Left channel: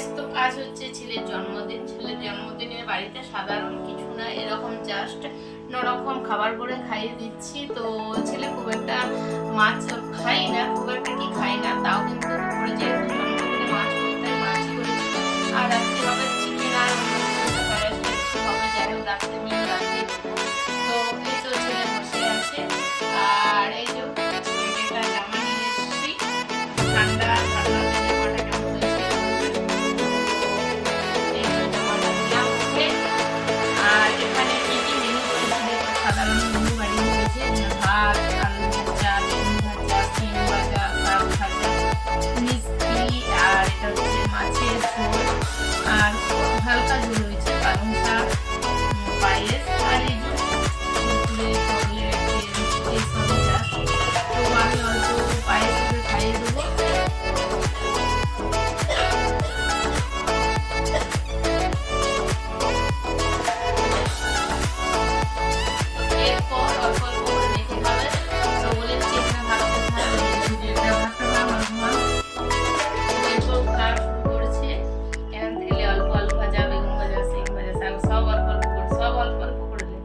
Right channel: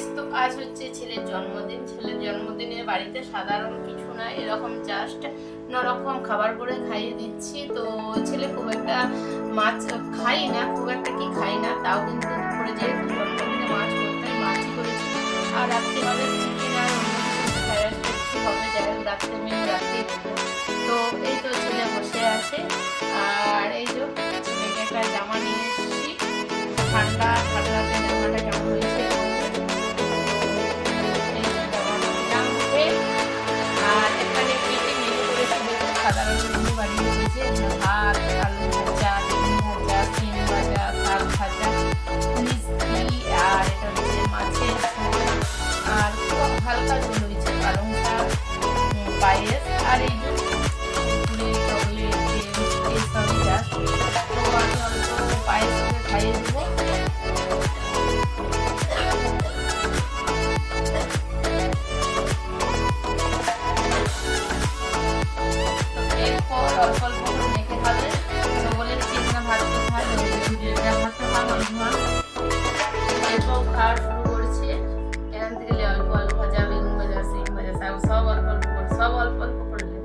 Guys, তো আজ হচ্ছে ছেলের জন্মদিন। ছেলের জন্মদিনে বাড়িতে সাধারণ কিছু না, এরকম জাস্ট নরকম খাবার করে খাইয়ে দিচ্ছি। তো ছেলে খুব একটা মাছ খাই না, খুব একটা কি খাই না, তাও কিন্তু দুপুরে যেহেতু জন্মদিনে মাছ করতে হয়, মাছই করেছি। আর রাত্রে হবে চিকেন আর অন্য কিছু ফ্রাইড রাইস কিছু হবে, যাই হোক রাত্রে মেনু রাত্রেই দেবো। তো এই তো ছেলে বসে আছে, আর এই যে ছেলেকে একটা জামা নিয়ে এসেছি। ঠান্ডা ঠান্ডা জামাটা কেমন হয়েছে, এই যে জামাটা নিলাম ওকে। আর এখানে কি কি মেনু করেছি, সাধারণ মেনু বানিয়ে দিয়েছি। ভাত, আলু ভাজা, বেগুন ভাজা, সিম ভাজা, শাক ভাজা, মিষ্টি, আর এটা হচ্ছে মাছের ঝোল, আর হালকা ঝোল হয়েছে পালং শাক, পায়েস, আর এই যে চকলেট এইসবই জাস্ট। তো আমি অল্প পায়েস করে খাইয়ে দেবো। এরপর অল্প অল্প করে মেখে খাবে। তো বলে চিকেন ভাত কোথায়, এরপর খাওয়া শুরু করেছে। এখান থেকে অল্প আলু ভাজা, বেগুন ভাজা, সিম ভাজা, শাক সব অল্প অল্প করে, সব অল্প অল্প করে নে।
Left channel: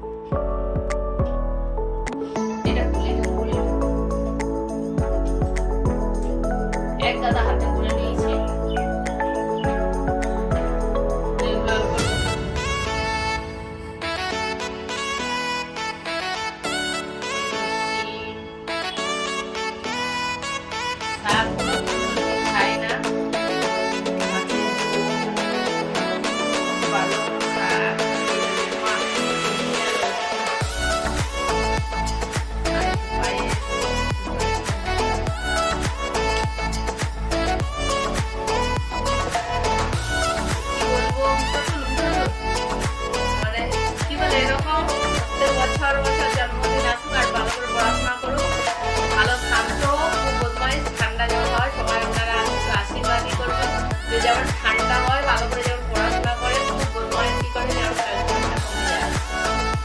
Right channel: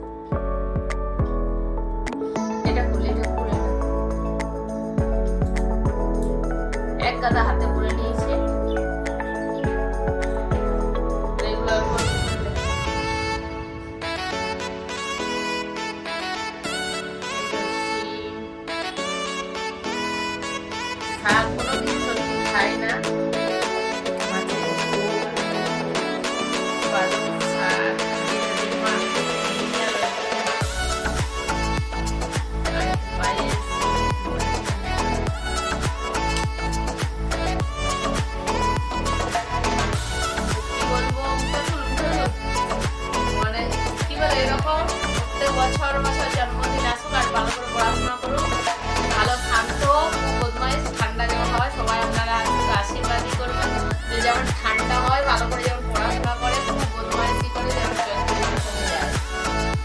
এটা খুলে এক গাদা হাতে করে নিয়েছি। এগুলো অল্প অল্প করে নে। শাক কোনোদিন ছেলে খায় না, মাছের ঝোল, পালং শাক, মাছ, পায়েস, বলবো মানে কি বলে, এরকম প্রত্যেক বছর জন্মদিন আসুক আর ভালো করে পড়াশোনা করুক, ভালো শান্ত হোক, বদমাইশ ঠান্ডা যেমন হয়, সবাই আপনারা আসুক, আশীর্বাদই করবেন যে যেমন ঠান্ডা হয়, ভালো করে যেমন পড়াশোনা করে, খুব বদমাইশি করে যেমন চরিত্রটা কমে যায়।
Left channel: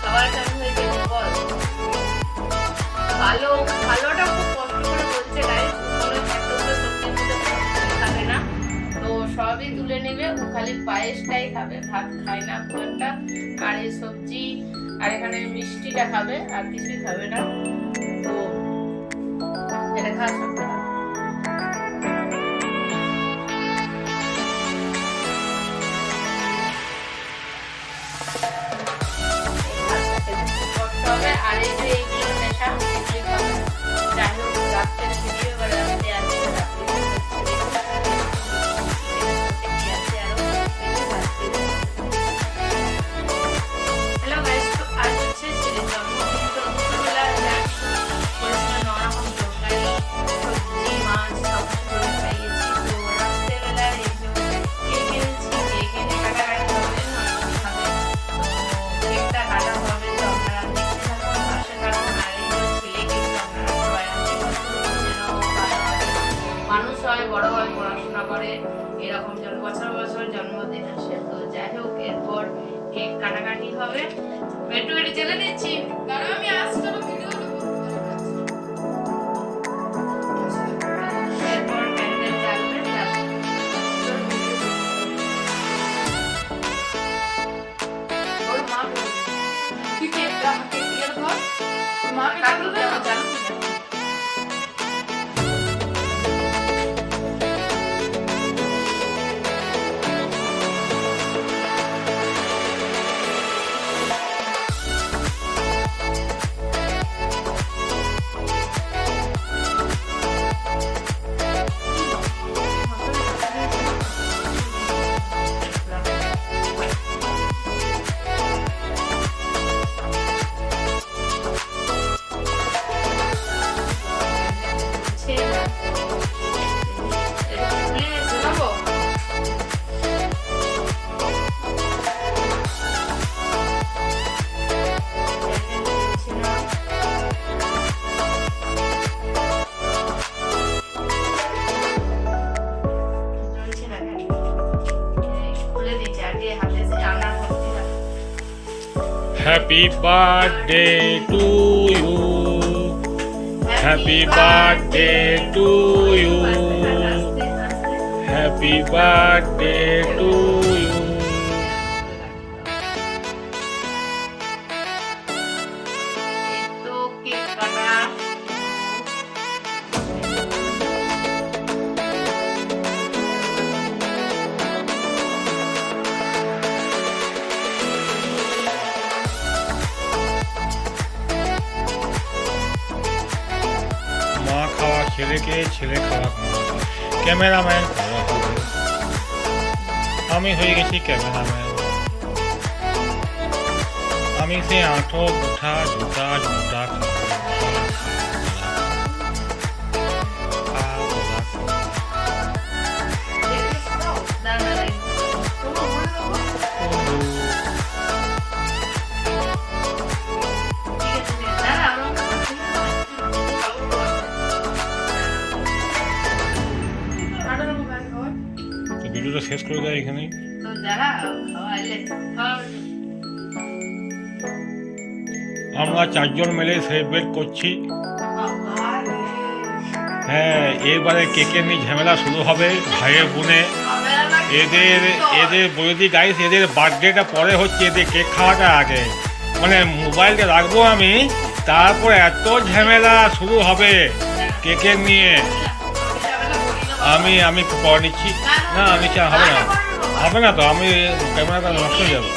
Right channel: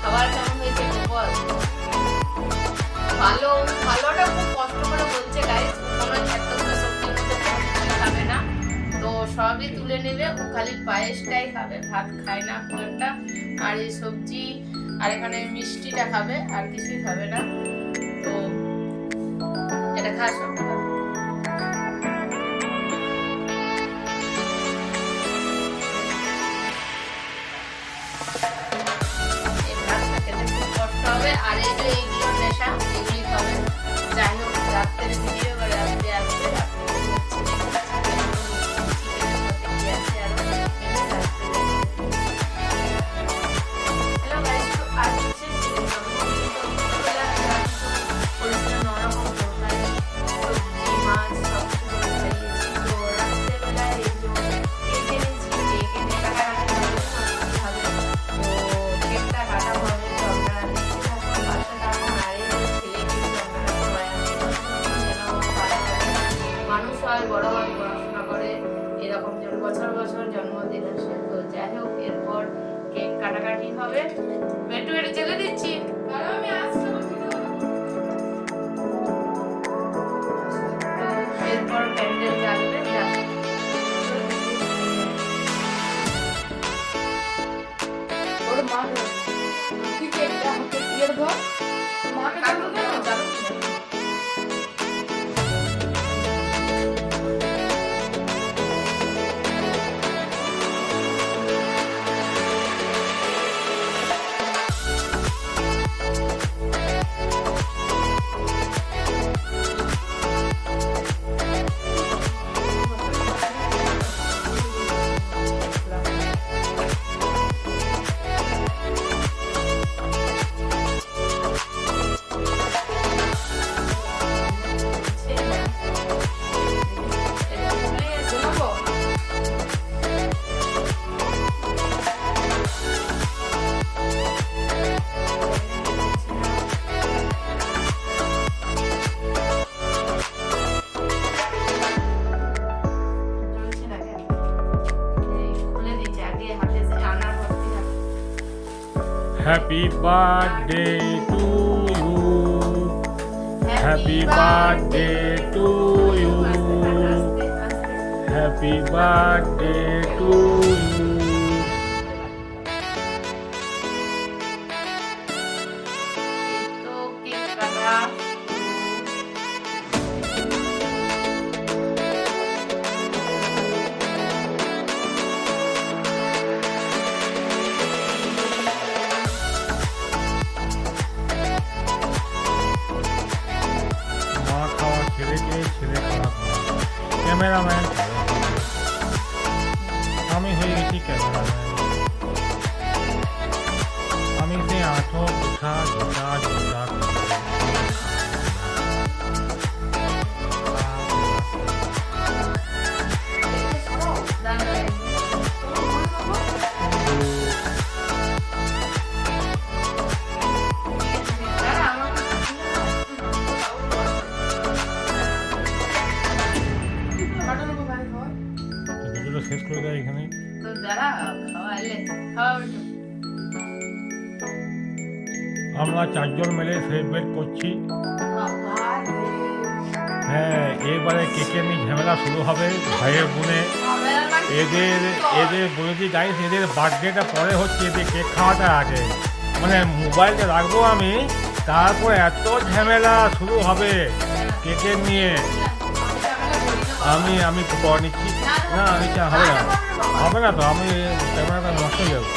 সবার কেমন হয়েছে বল? ভালো, ভালোটা খুব কষ্ট করে বলছে গাইস, কোনো এতগুলো সবজির মধ্যে খাবে না, তো সবই তুলে নেবে, ও খালি পায়েসটাই খাবে, ভাত খায় না খুব একটা। আর এই সবজি আর এখানে মিষ্টিটা খাবে, আর কিছুই খাবে না। তো এটা খাওয়া সব খাবে। এই ভাতটা খেতে খুব কষ্ট হবে, আর এই যে এইগুলো নেশা, এগুলি খাবে। যাই হোক রাত্রের ভিডিও এবার রাত্রে আসবে, রাত্রে হ্যালো গাইস, তো আজ হচ্ছে ছেলের জন্মদিন। তো দুপুরবেলা যা কিছু করেছিলাম নরকম তরকারি, সবজি, মাছ সব কিছু করে খাইয়েছি। তো রাত্রেবেলা এই যে কেক এনেছি, কেক এনে কাটাকাটি হবে, মিষ্টি হবে। তো কেকটা কাটা হবে, তো আপনারা দেখতে থাকুন, পাশে থাকুন। আর এই যে ছেলেকে আপনারা সবাই আশীর্বাদ করুন যেন ভালো মানুষ হয়, বড় হয়, পড়াশোনা করে, এরকম যেন বছর বছর জন্মদিন আসে। তো যাই হোক এরপর কেক কাটাকাটি হবে। একটু একটু চেলে দিচ্ছি, কারণ আমি আসছি না ভিডিও। এরপর প্যান্ডেল জ্বালবে, ওর মা তুই কেকটা কেটে ধর, মা কাটু দাও জানো। Happy birthday to you. Happy birthday to you. Happy happy birthday to you. এই তো কেক কাটা মা খাওয়া ছেলেকে, ছেলে খাওয়া ক্যামেরাম্যান। আমি হয়ে গেছি ক্যামেরাম্যান। আমি সে আঁঠো উঠা জুতা জুতা দানা লাগবে। ভিডিওটা শেষ করে দেয় এখানে। আমরা চারজন মিলে সেলিব্রেট করছি। হ্যাঁ, এবারে কেকে নিয়ে ঝামেলা শুরু হবে ভাইয়ের বোনে। এদের বলে দিই গাইস, এদের বার্থডেটা পরে হচ্ছে, এদের কেক খাওয়াটা আগে। মানে মোবাইলটা রাখবো আমি, তারপর এত ঝামেলা শুরু হবে কেকের নিয়ে। আমি করে নিচ্ছি। না আমি হবে না তো, আমি ক্যামেরাটা নষ্ট হয়ে যাবে।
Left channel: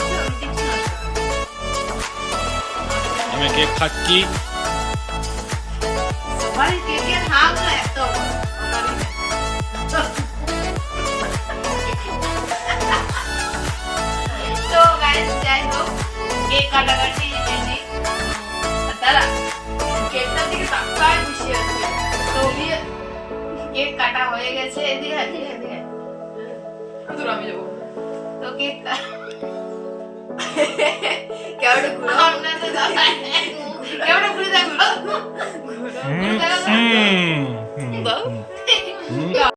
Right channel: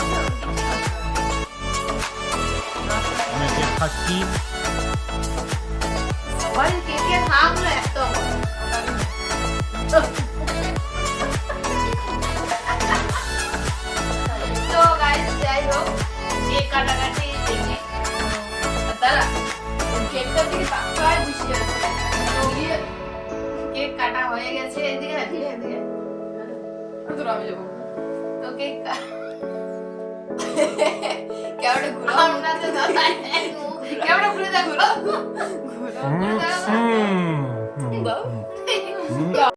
আমি কেক খাচ্ছি। কেক কাটা হয়ে গেছে, এদিকে এদিকে আমি যাবো তো কেক কেমন ঘুরে আপনাদের দাদা কেমন ঘুরে দেখো